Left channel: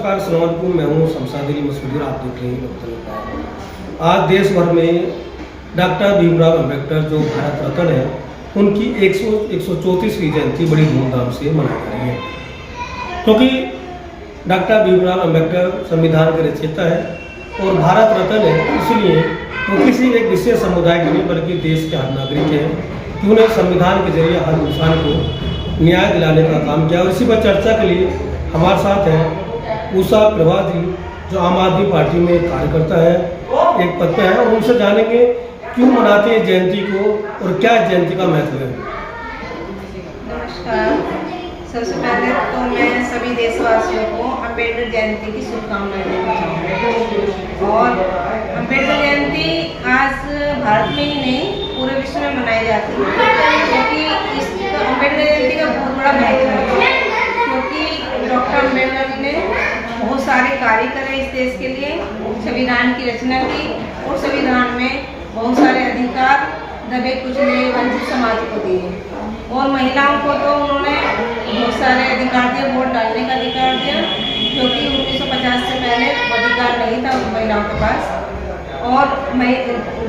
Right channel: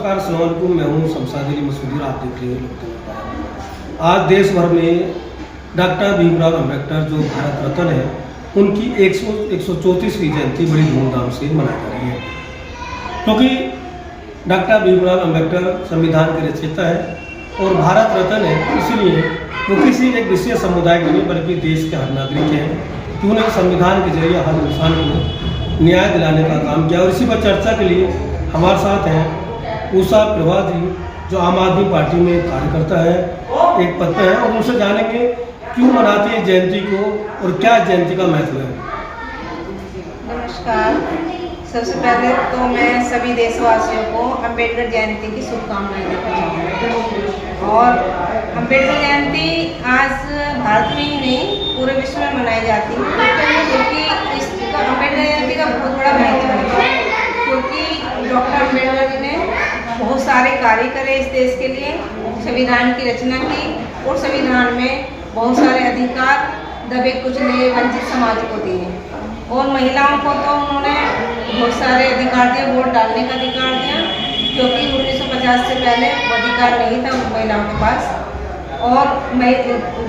नमस्कार, अस्सलाम वालेकुम। मैं हूँ शमशाद अली मसूदी, आप देख रहे हैं लोकतंत्र। आज देश भर में डॉक्टर भीमराव अम्बेडकर जो भारत रत्न है, उनकी 134वीं जयंती बड़ी धूमधाम से मनाई जा रही है, क्योंकि डॉक्टर भीमराव अम्बेडकर संविधान के रचयिता है और भारत रत्न है। इसलिए वो किसी एक विशेष समुदाय के लिए बल्कि देश के हर नागरिक हैं कि उन्हें संविधान के जरिए हर इंसान को न्याय दिलाने का काम किया। और इसी पर चर्चा के लिए हमारे साथ हैं उषा प्रभा जी, जो आम आदमी पार्टी में कार्यकर्ता है, एक पद पे है, और उनसे जानेंगे क्यों मनाते हैं जयंती को और क्या जयंती का महत्व है। नमस्कार। सबसे पहले तो मैं सभी देशवासियों को अम्बेडकर जयंती की शुभकामनाएं देना चाहूँगी। और अम्बेडकर जयंती आज भारत में ही नहीं पूरे विश्व में मनाई जाती है, क्योंकि इसका अम्बेडकर जयंती का बहुत बड़ा महत्व है। क्योंकि डॉक्टर अम्बेडकर जी ने बहुत सारे कार्य करे इस देश के लिए, संविधान की रचना की और संविधान में बहुत सारे अधिकार दबे कुचले वंचित समाज को दिए। और महिलाओं को तो उन्होंने बहुत सारे अधिकार दिए, वोट डालने का अधिकार दिया, क्योंकि 1950 से पहले वो अधिकार नहीं था महिलाओं के पास। और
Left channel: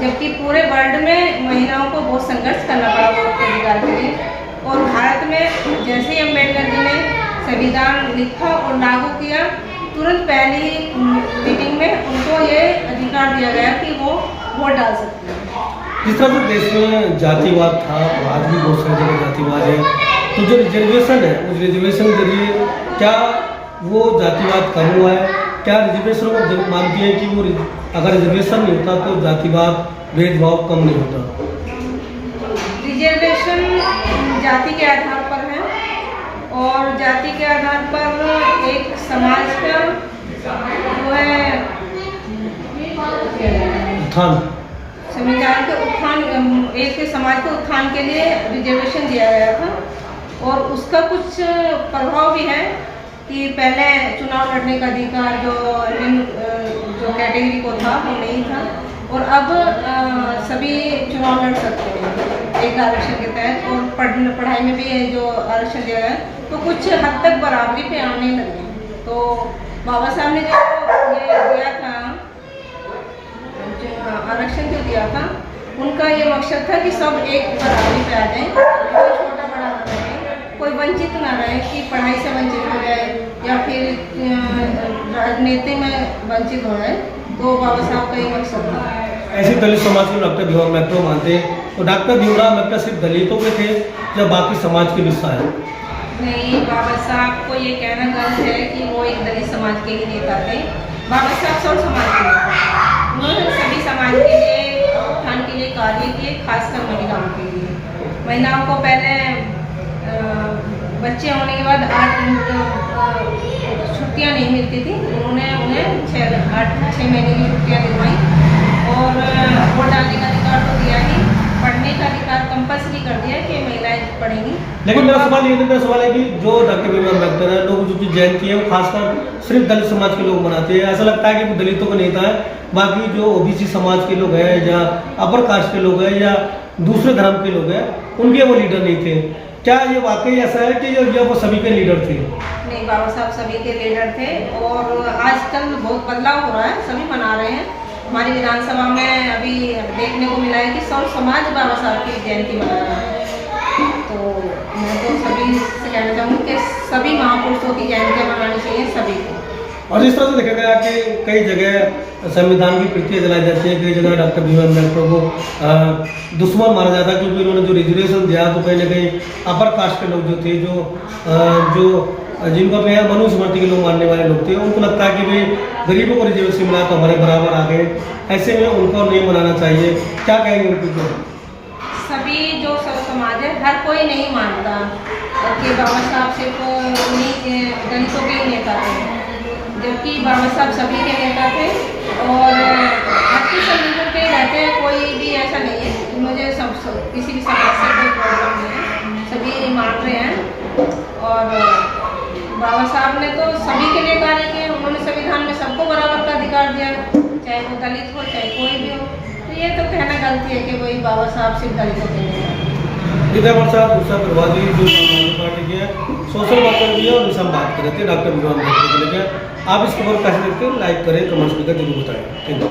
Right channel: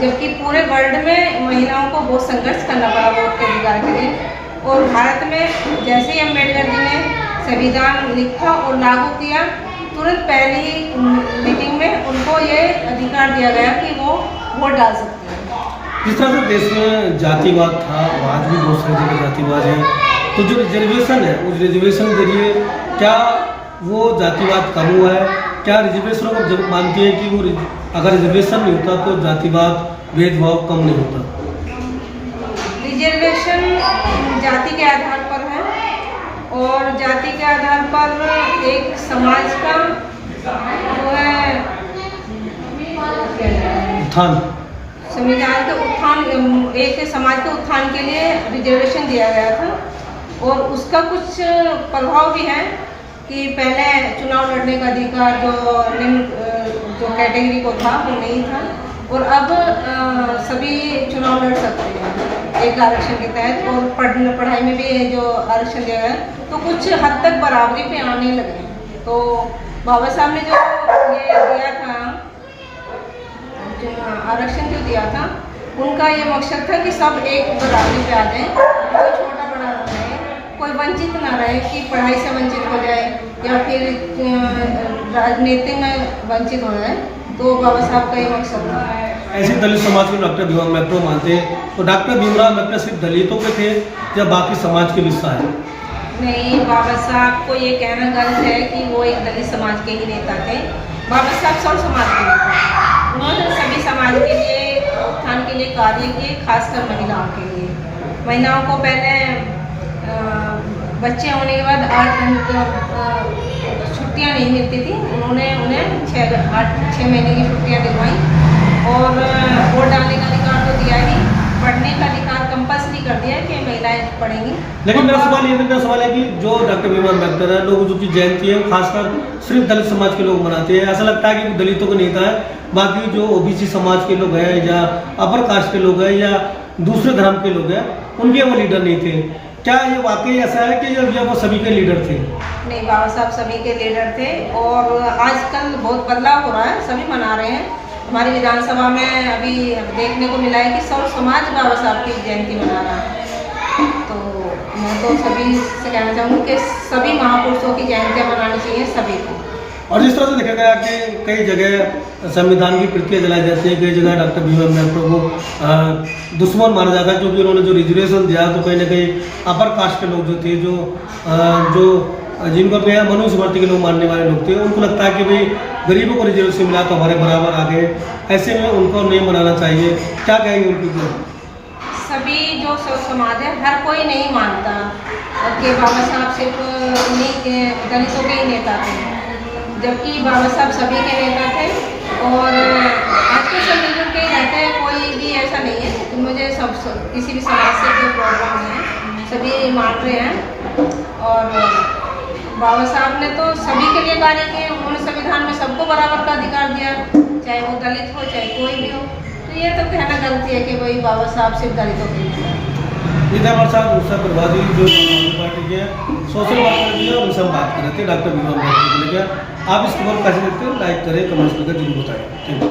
जबकि पूरे वर्ल्ड में महिलाओं को बहुत संघर्ष करना पड़ा वोट के अधिकार के लिए। और भारत में जैसे ही अम्बेडकर जी ने संविधान लिखा और लागू किया, तुरंत पहली ही मीटिंग में उनको ये अधिकार दिया गया कि वो वोट डाल सकते हैं। जिस तरह से देश में जातिवाद था, आज भी बहुत सारी जगह जातिवाद है, तो जो रिजर्वेशन है उस रिजर्वेशन के जरिए क्या वो जातिवाद कम हुआ है? क्या रिजर्वेशनों को मानती है कि वो अगर रिजर्वेशन नहीं होता तो जातिवाद भेदभाव कम नहीं होता? रिजर्वेशन जाति के आधार पर है, और जाति के आधार पर एक समाज का जो है उत्थान, संविधान के उत्थान, एक समाज के उत्थान के लिए रिजर्वेशन दिया गया था। और उसका कुछ प्रभाव भी है कि पहले चुनाव लड़ने का अधिकार जो कैटेगरी को था वो नहीं था, और अब सभी चुनाव लड़ सकते हैं एक आरक्षण के तहत। और पढ़ाई में भी जो आरक्षण दिया है तो कुछ हद तक बराबरी पे आने लगे। तो बाबा साहब ने जो ये दिया था, आरक्षण जो दिया था, उनका ये मकसद था कि सब एक बराबरी पे आ जाए, कोई छोटा बड़ा ना रहे, कोई वंचित ना रहे कि पढ़ाई से वंचित हो जाए या फिर राजनीति में वंचित हो जाए। तो बाबा साहब का ये मकसद था। ऐसे दलित समाज को डॉक्टर भीमराव अम्बेडकर मानते हैं, तो डॉक्टर भीमराव अम्बेडकर सिर्फ दलितों के थे या बाकी समाज के भी हिस्सा है? नहीं, बाबा साहब को ये कहना गलत है कि वो एक दलित समाज के ही नेता थे। बाबा साहब सब समाज के थे। उन्होंने सभी समाज के लिए उत्थान के लिए कार्य किए, खासकर महिलाओं के लिए। महिलाओं को पहले बच्चे होने के बाद 8 छुट्टियाँ नहीं मिलती थी, उन्होंने उन्हें 6 महीने की छुट्टियाँ दिलवाई। और वोट डालने का अधिकार तो दिया ही, पढ़ने का अधिकार कंपल्सरी कर दिया कि महिलाएं पढ़ेंगी। लेकिन मेरा सवाल है कि जो डॉक्टर भीमराव अम्बेडकर है, लोग जो जयंती है वो खासकर सिर्फ दलित समाज के लोग मनाते हैं। ऐसा लगता है कि वो दलितों का नेता है, बाकी जो ओबीसी समाज के लोग हैं या अपर कास्ट के लोग हैं या दूसरे धर्म के लोग हैं, उनके वो लीडर नहीं थे। क्या ये वाकई ऐसा है कि ये वो सभी के लीडर थे? नहीं, बाबा साहब सभी के लीडर थे। और आजकल बहुत बदलाव हो रहा है, सभी मना रहे हैं। हमारी विधानसभा में अभी देखने को मिला है कि सब समाज बाबा साहब की जयंती मना रहा है। तो मैं तो सभी से कहना चाहूँगी कि सभी महापुरुषों की जयंतियाँ मनानी चाहिए सभी को। और जिस तरह से देखा गया कि कई जगह संविधान की प्रतियां जलाई जाती है, कई जगह डॉक्टर भीमराव अम्बेडकर को दुश्मन माना जाता है, क्योंकि उन्होंने जो रिजर्वेशन दिया तो कहीं ना कहीं अपर कास्ट के लोग जो थे, जो जिनको अपने मनुस्मृति के लोग मानने वाले लोग थे, उनको लगता है कि भाई गरीबों को रिजर्वेशन मिला तो हमारे बराबर आ गए। ऐसे में उनको नहीं मनाना चाहिए। क्या कहेंगे उनकी? सभी जो सब समाज है, हर कोई नहीं मानता कि बाबा साहब सिर्फ दलितों के ही नेता थे, जबकि बाबा साहब सभी के नेता थे। और आज के सब मिलजुल के रहते हैं, कोई भी ऐसा नहीं है कि मुझे किसी भी समाज से कोई प्रॉब्लम नहीं है, सभी मान रहे हैं। और बाबा साहब ने तो सभी के लिए कार्य किए। उन्होंने संविधान में सबको बराबर का अधिकार दिया, चाहे वो दलित हो चाहे कोई भी हो। तो ये तो कहना गलती है कि वही बाबा साहब सिर्फ दलितों के लिए। इधर हमारे साथ दूसरा प्रभारी जो समाजवादी पार्टी के सोशल वर्कर भी है, और उनसे हम बात कर रहे थे डॉक्टर भीमराव अम्बेडकर को लेकर। आप इस खबर कैसे देखते हैं? लाइक करें, कमेंट्स करके जरूर बताएं।